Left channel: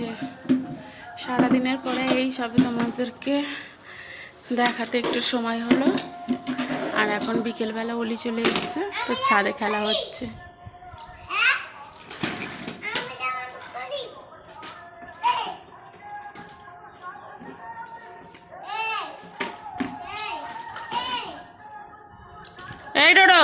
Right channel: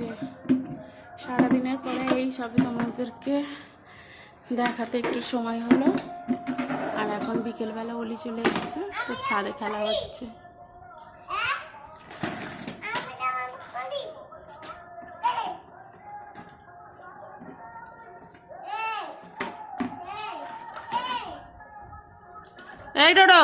যে সারাদিনের পরে এই সবে তোমাদেরকে দেখাতে একটু সময় হলো। আর এখন বিকেলবেলা অলি চলে এসছে, তো ছাদে খেলা হচ্ছে। এই ডোডো